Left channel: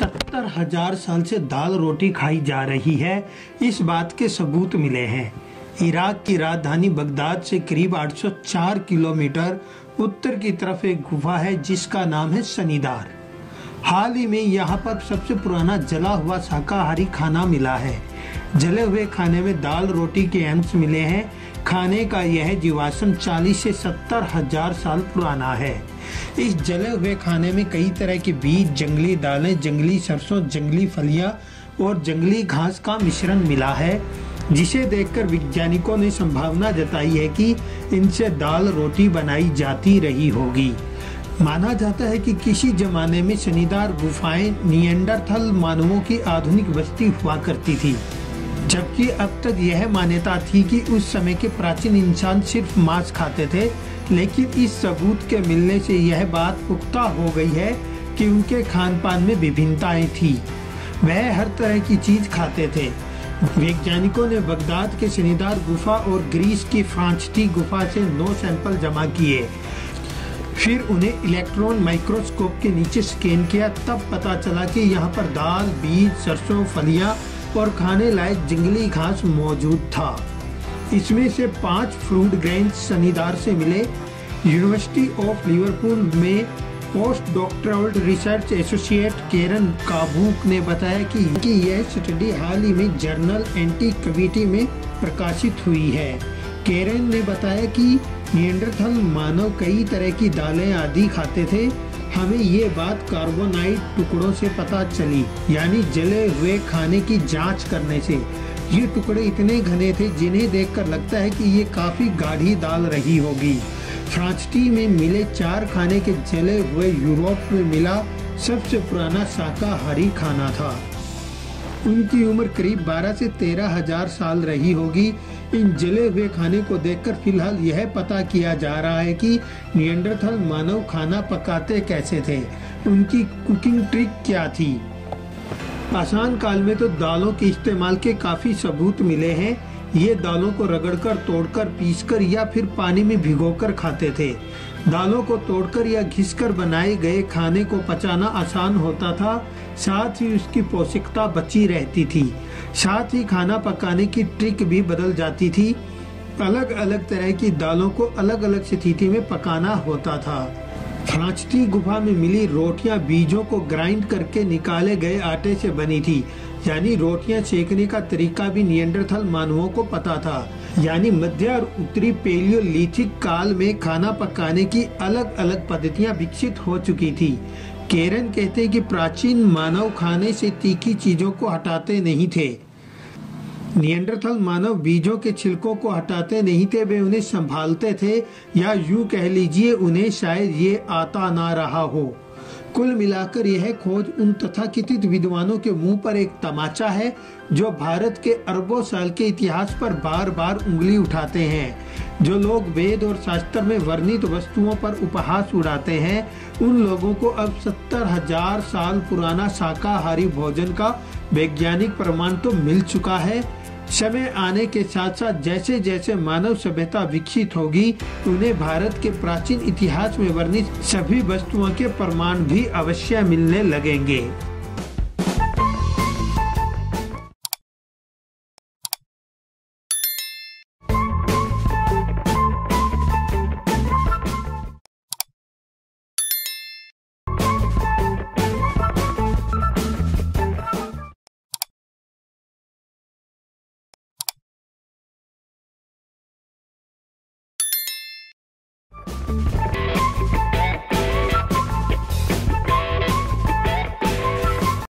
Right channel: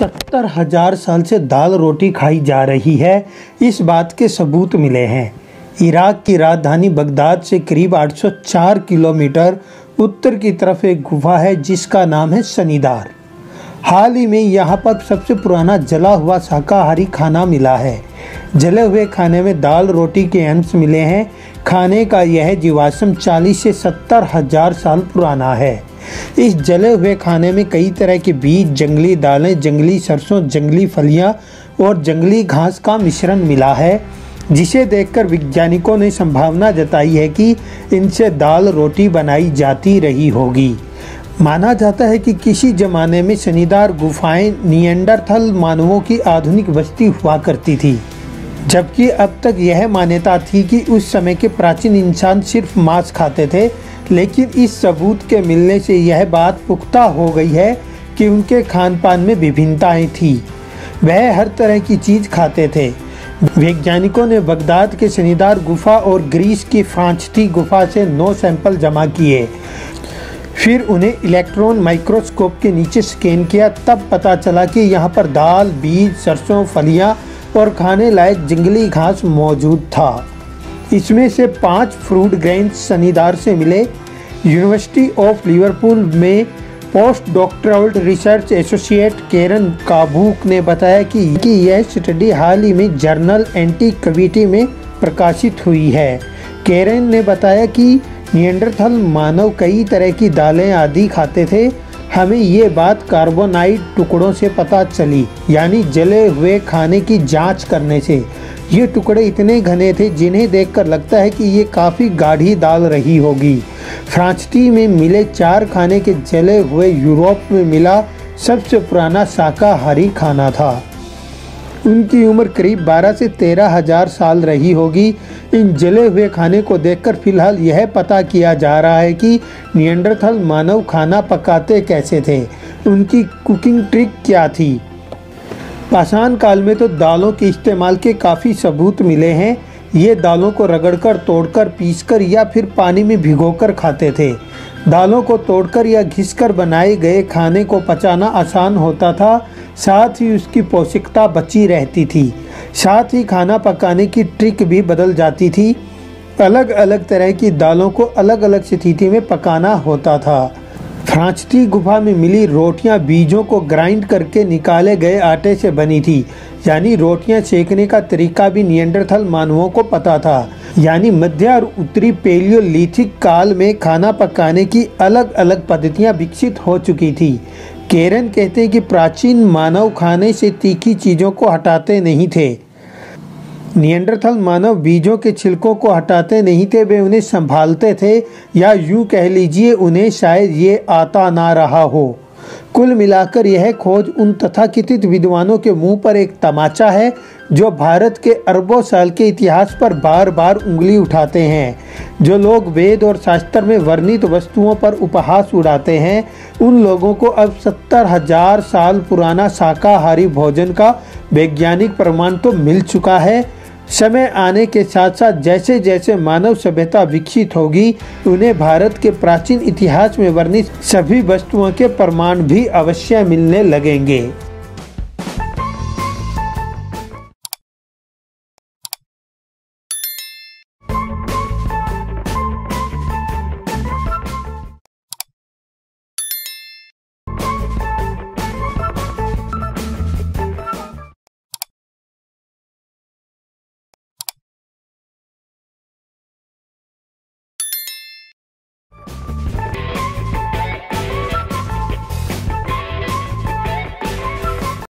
70,000 साल से दाल रोटी खाई जा रही है, इस बात के सबूत मिले हैं। इराक की राजधानी बगदाद से करीब 804 किलोमीटर उत्तर की तरफ एक गुफा है जिसका नाम है सनीदार। हाल ही में यहाँ पर सबसे पुराना जला हुआ शाकाहारी खाना मिला है। जले हुए खाने में दाल रोटी के अंश मिले हैं। खाने का यह जीवाश्म 40 से 70,000 साल पुराना है। इस जले हुए खाने में कई तरह के बीज, जंगली दालें, जंगली सरसों, जंगली फलियां और जंगली घास का मिश्रण मिला है, जिसे देखकर वैज्ञानिकों ने संभावना जताई है कि इनसे दाल रोटी बनाई जाती रही होगी। माना जाता है कि किसी जमाने में सनीदार गुफाएं निएंडरथल मानवों की आधुनिक बस्ती हुआ करती थी, जबकि अब तक यह मान्यता थी कि उस समय के प्राचीन इंसान सिर्फ मांस खाते थे। लेकिन इस सबूत के मिलने से यह बात पुख्ता हो गई है कि उनके खान पान में विभिन्नताएं थी। वह हर तरह की चीज खाते थे। वैज्ञानिकों ने बगदाद के सनीदार गुफा और ग्रीस की फ्रांचटी गुफा से 9 सैंपल जमा किए। फिर उन्हें इलेक्ट्रॉन माइक्रोस्कोप के नीचे स्कैन किया। तब पता चला कि यहाँ पर दाल, बीज, सरसों, फलियां और खाने लायक जंगली घास मौजूद था। इसमें से 5 फ्रूट ग्रेन्स सनीदार से मिले। यूनिवर्सिटी ऑफ लिवरपूल में पोस्ट डॉक्टरल रिसर्च एसोसिएट केरन काबूक ने बताया कि यह स्टडी हाल ही में जर्नल एंटीक्विटी में प्रकाशित हुई है। केरन ने बताया कि निएंडरथल मानव कई तरह की दालें आदि खाते थे। हमें ये बात कार्बोनाइट टुकड़ों से पता चली, यानी जले हुए खाने की जांच करने से। ये टुकड़े इतने घने थे जिन्हें देखकर लगता है कि ये काफी गाढ़ी दाल रही होगी। फ्रांचटी में मिले 4 खाने के जले हुए यूरोप में मिला सबसे पुराना शाकाहारी खाना था। उनकी उम्र करीब 12 से 13,000 साल रही होगी। इन जले हुए खाने को देखकर फिलहाल यह पता किया जा रहा है कि निएंडरथल मानव खाना पकाते कैसे थे, उनकी कुकिंग ट्रिक क्या थी। पाषाण काल में तो दालों के इस्तेमाल के काफी सबूत मिले हैं। ये दालों को रगड़कर, तोड़कर, पीसकर या फिर पानी में भिगोकर खाते थे। दालों को तोड़कर या घिसकर बनाए गए खाने को पचाना आसान होता था, साथ ही उसकी पौष्टिकता बची रहती थी। साथ ही खाना पकाने की ट्रिक भी बदल जाती थी। अलग अलग तरह की दालों को अलग अलग स्थिति में पकाना होता था। फ्रांचटी गुफा में मिली रोटियां बीजों को ग्राइंड करके निकाले गए आटे से बनी थी, यानी रोटियां सेकने का तरीका भी निएंडरथल मानवों को पता था। यानी मध्य और उत्तरी पैलियोलिथिक काल में खाना पकाने की अलग अलग पद्धतियां विकसित हो चुकी थी। केरन कहते हैं कि प्राचीन मानव खाने से तीखी चीजों को हटाते नहीं थे। निएंडरथल मानव बीजों के छिलकों को हटाते नहीं थे, वे उन्हें संभालते थे, या यूं कह लीजिए उन्हें शायद ये आता ना रहा हो। कुल मिलाकर यह खोज उन तथाकथित विद्वानों के मुंह पर एक तमाचा है जो भारत के अरबों साल के इतिहास पर बार बार उंगली उठाते हैं। जो लोग वेद और शास्त्र में वर्णित वस्तुओं पर उपहास उड़ाते हैं, उन लोगों को अब 70,000 साल पुराना शाकाहारी भोजन का वैज्ञानिक प्रमाण तो मिल चुका है। समय आने के साथ साथ जैसे जैसे मानव सभ्यता विकसित होगी, उन्हें भारत के प्राचीन इतिहास में वर्णित सभी वस्तुओं के प्रमाण भी अवश्य मिलने लगेंगे।